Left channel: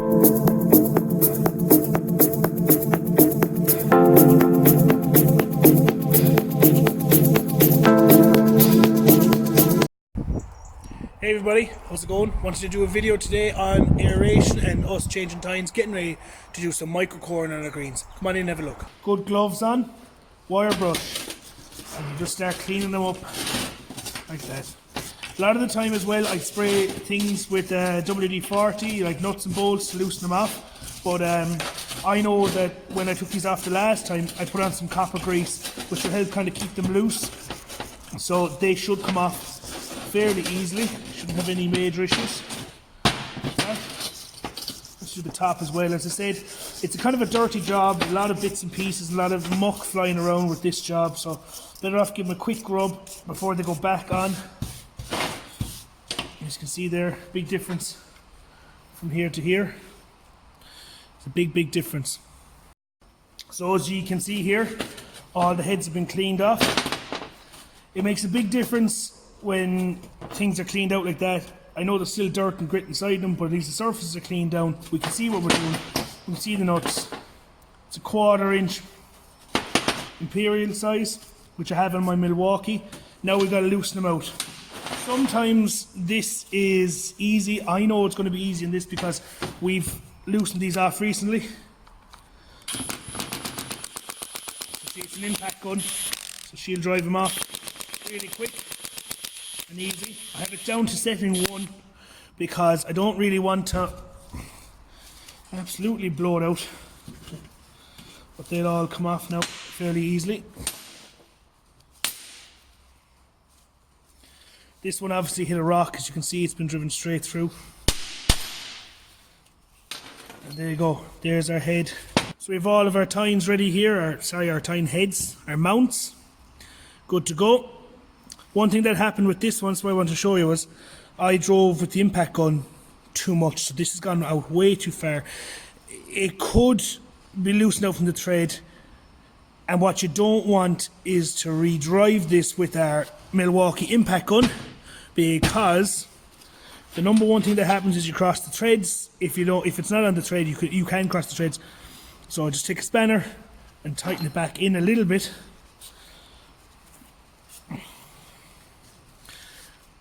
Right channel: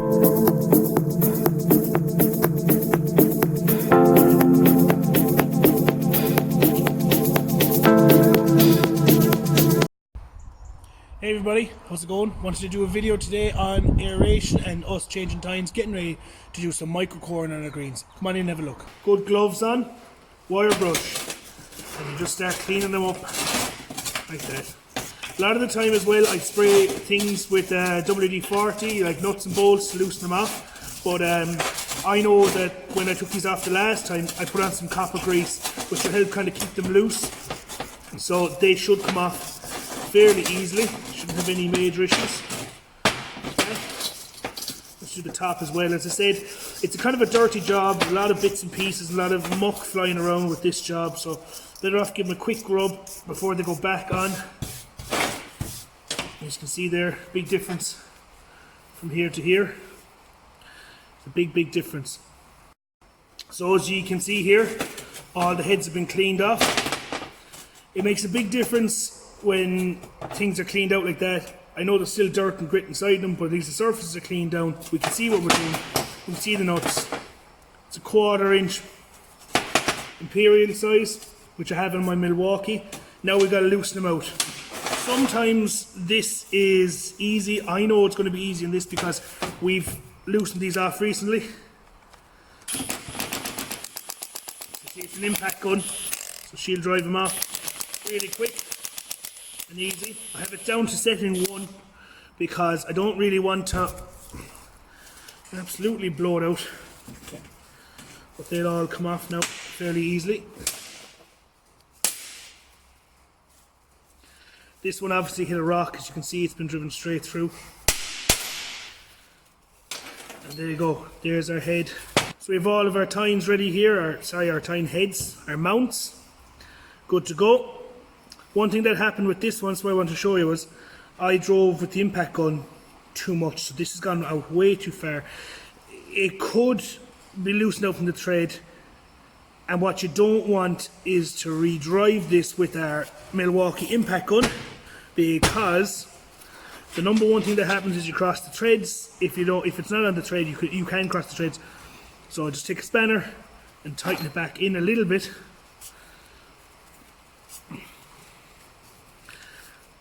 Hey everybody, how's it going? Wanted to do a video today on aeration and us changing tines, getting ready to do some micro-coring on our greens. Come on in and have a look. Good gloves on, wire brush, and you just start cleaning them up like that. A lot of the time as well I spray things with WD-40, like nuts and bolts, to loosen them off. But I know that when I took these off the last time, I put on some copper grease, which will help kind of keep them loose. So they should come off fairly easily, shouldn't have any major issues. Okay. Let's do the top as well. As I said, it's a kind of a dirty job, a lot of bits and pieces, a lot of muck flying around with this job, so better off give them a quick rub before they go back on. As you can see there, big difference from here to here. It's a big difference. So as you can see here, all the heads have been cleaned off. It makes a big difference when things are cleaned out like that. I know there's still dirt and grit inside them, but at least the surfaces are cleaned down. We can see what we're doing. We can see the nuts. It's a 1/4 inch imperial size, which I have in my Milwaukee. Now we've got to loosen them out. Sometimes this is easy. I know it's going to be easy in this because we've loosened these off recently. You see, it's an impact gun, so she'll drive them off really quick and easy. I have it down to setting 1 because I don't really want to absolutely blow it out. But they'll all come off now fairly easily. This one obviously hit a rock, as you can see it's been driven straight through. And there you go, there's our head. So we have all of our tines ready here, our tine heads, our mounts, good to go. One thing that happened with this one, so what I want to show you, was I drove with the impact gun too much, so this has gone out way too far. It could be loosened out from the thread, and what you don't want is to re-drive this with our Milwaukee impact gun, because the number one thing that happens is you cross the threads. If it's not on the thread, you can cross the threads. So just take a spanner and tighten it back in a little bit,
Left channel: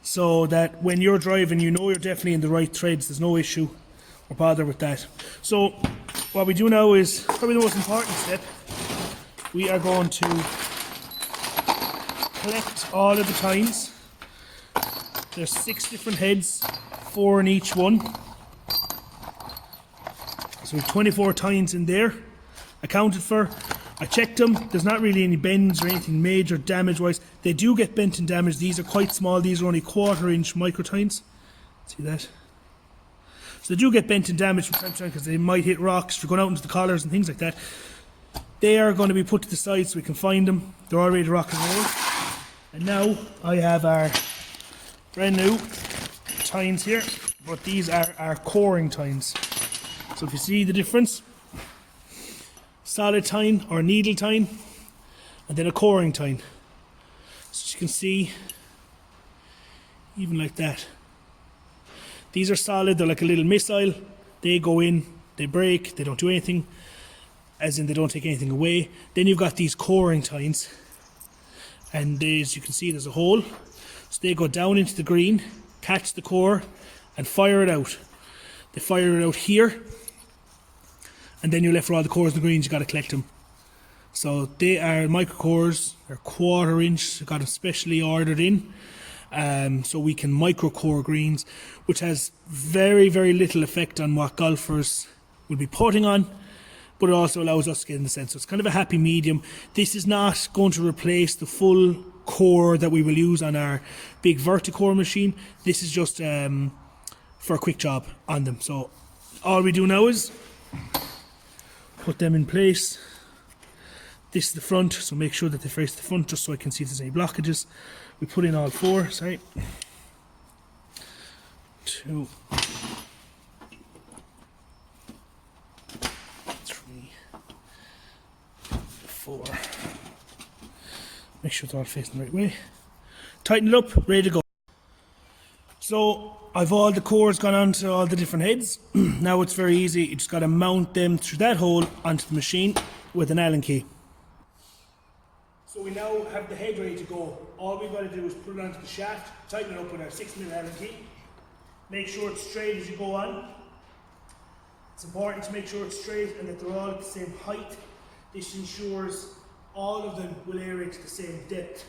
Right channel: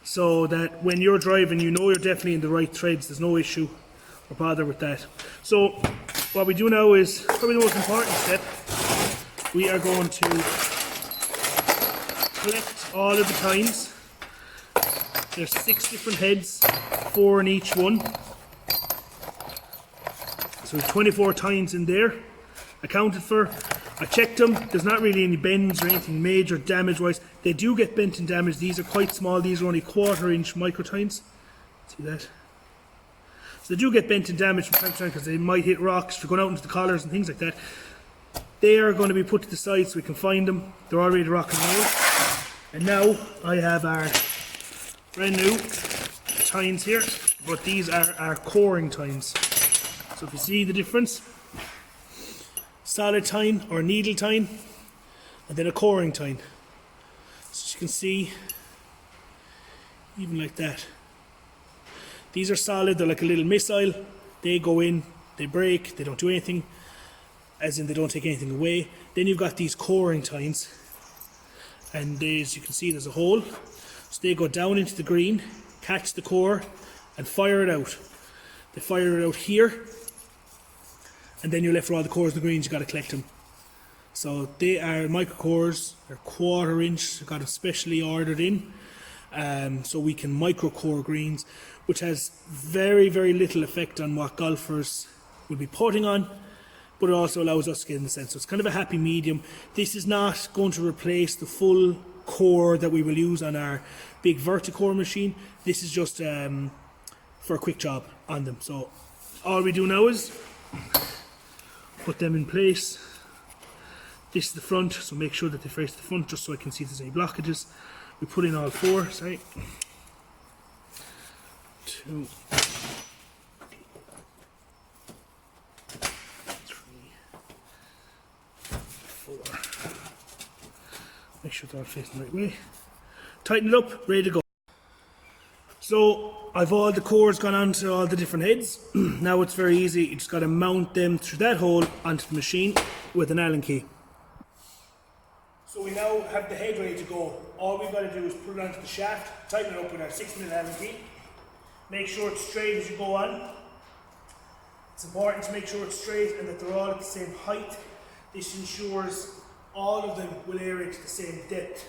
so that when you're driving, you know you're definitely in the right threads. There's no issue or bother with that. So what we do now is probably the most important step. We are going to collect all of the tines. There's 6 different heads, 4 in each one. So we have 24 tines in there, accounted for. I checked them, there's not really any bends or anything major damage wise. They do get bent and damaged. These are quite small, these are only 1/4 inch micro tines. See that? So they do get bent and damaged from time to time because they might hit rocks for going out into the collars and things like that. They are going to be put to the side so we can find them. They're all ready to rock and roll. And now I have our brand new tines here, but these are our coring tines. So if you see the difference, solid tine or needle tine, and then a coring tine. So as you can see, even like that. These are solid, they're like a little missile. They go in, they break, they don't do anything, as in they don't take anything away. Then you've got these coring tines, and as you can see there's a hole. So they go down into the green, catch the core, and fire it out. They fire it out here, and then you're left with all the cores and the greens. You've got to collect them. So they are micro cores, they're 1/4 inch, got them specially ordered in, so we can micro core greens, which has very little effect on what golfers will be putting on, but it also allows us to get in the sense. So it's kind of a happy medium. This is not going to replace the full core that we will use on our big verticore machine. This is just for a quick job on them. So all we do now is put them in place. This is the front, so make sure that they face the front just so I can see if there's any blockages. We put in all 4, sorry. 2, 3, 4. Make sure they're all facing the right way. Tighten it up, ready to go. So I've all the cores gone onto all the different heads. Now it's very easy, you just got to mount them through that hole onto the machine with an Allen key. So we now have the head ready to go. All we've got to do is put it onto the shaft, tighten it up with our 6mm Allen key. Make sure it's straight as you go on. It's important to make sure it's straight and that they're all at the same height. This ensures all of them will aerate to the same depth.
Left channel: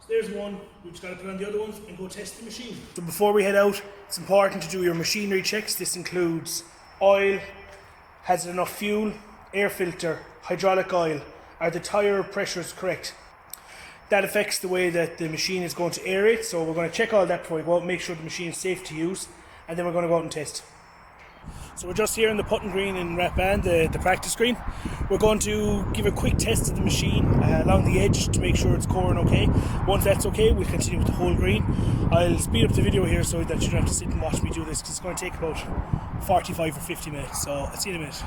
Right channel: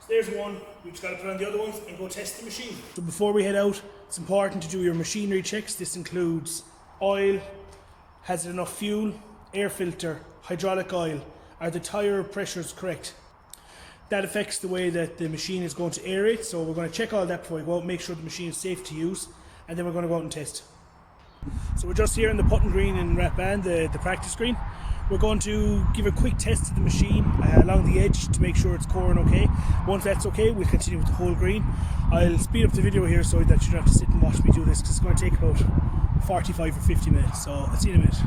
So there's one, we've just got to put on the other ones and go test the machine. So before we head out, it's important to do your machinery checks. This includes oil, has it enough fuel, air filter, hydraulic oil, are the tyre pressures correct? That affects the way that the machine is going to aerate, so we're going to check all that before we go out, make sure the machine is safe to use, and then we're going to go out and test. So we're just here in the putting green in Rathbane, the practice green. We're going to give a quick test of the machine along the edge to make sure it's coring okay. Once that's okay, we'll continue with the whole green. I'll speed up the video here so that you don't have to sit and watch me do this, because it's going to take about 45 or 50 minutes, so I'll see you in a minute.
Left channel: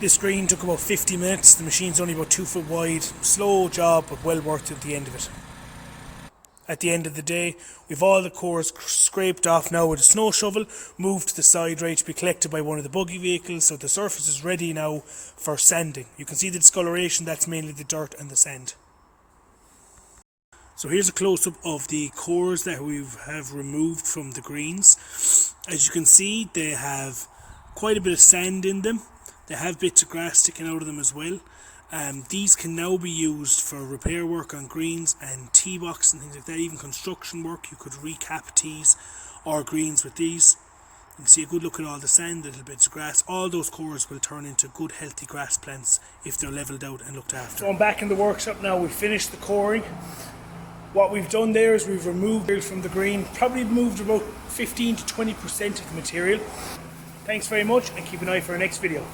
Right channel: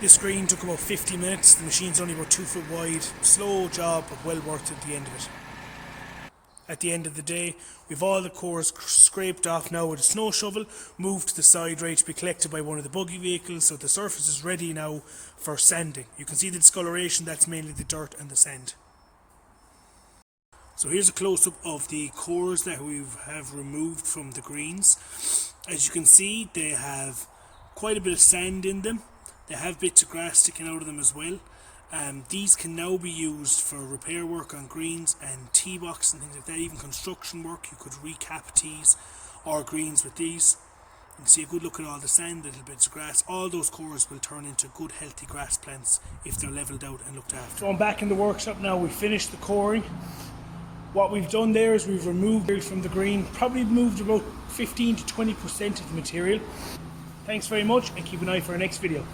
This green took about 50 minutes, the machine's only about 2 foot wide, slow job but well worth it at the end of it. At the end of the day, we've all the cores scraped off now with a snow shovel, moved to the side ready to be collected by one of the buggy vehicles, so the surface is ready now for sanding. You can see the discoloration, that's mainly the dirt and the sand. So here's a close-up of the cores that we have removed from the greens. As you can see, they have quite a bit of sand in them. They have bits of grass sticking out of them as well. These can now be used for repair work on greens and tee box and things like that, even construction work. You could recap tees or greens with these. You can see a good look at all the sand, little bits of grass. All those cores will turn into good healthy grass plants if they're levelled out and looked after. So I'm back in the workshop now, we finished the coring. What we've done there is we've removed from the green, probably moved about 15 to 20% of the material. Thanks very much and keep an eye for our next video.